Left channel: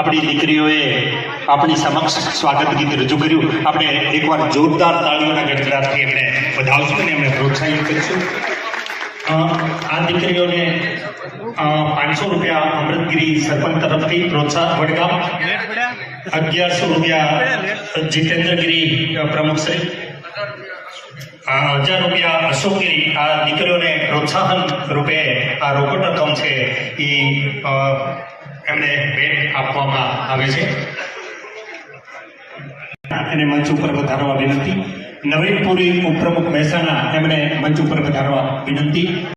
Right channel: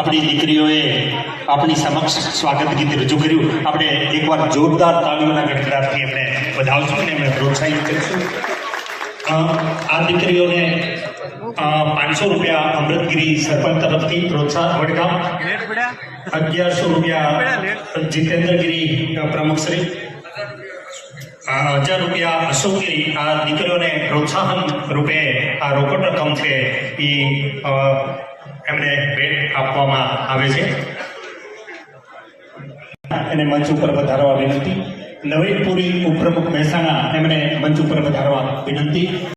આપણી દીકરીઓએ આપણી સમક્ષ સ્વાગત ગીત રજૂ કર્યું. આપણે એકવાર જોરદાર તાળીઓના ગડગડાટથી એમને વધાવશું અને એમને પ્રોત્સાહિત કરીશું. આ દીકરીઓને 500 રૂપિયા અમૃતગીરી સરપંચ તરફથી પ્રોત્સાહન વડગામ, 1100 રૂપિયા જીતેન્દ્રગીરી પ્રમુખશ્રી, 1000 રૂપિયા અશોકગીરી. આ દીકરીઓને પ્રોત્સાહન રૂપે આ રોકડ રકમ છે એ એમને ભેટ આપવામાં આવે છે. અને મંચ ઉપર વધારવા વિનંતી. નવીનપુરી ઉપપ્રમુખ મહેસાણા એમને મંચ ઉપર વધારવા વિનંતી.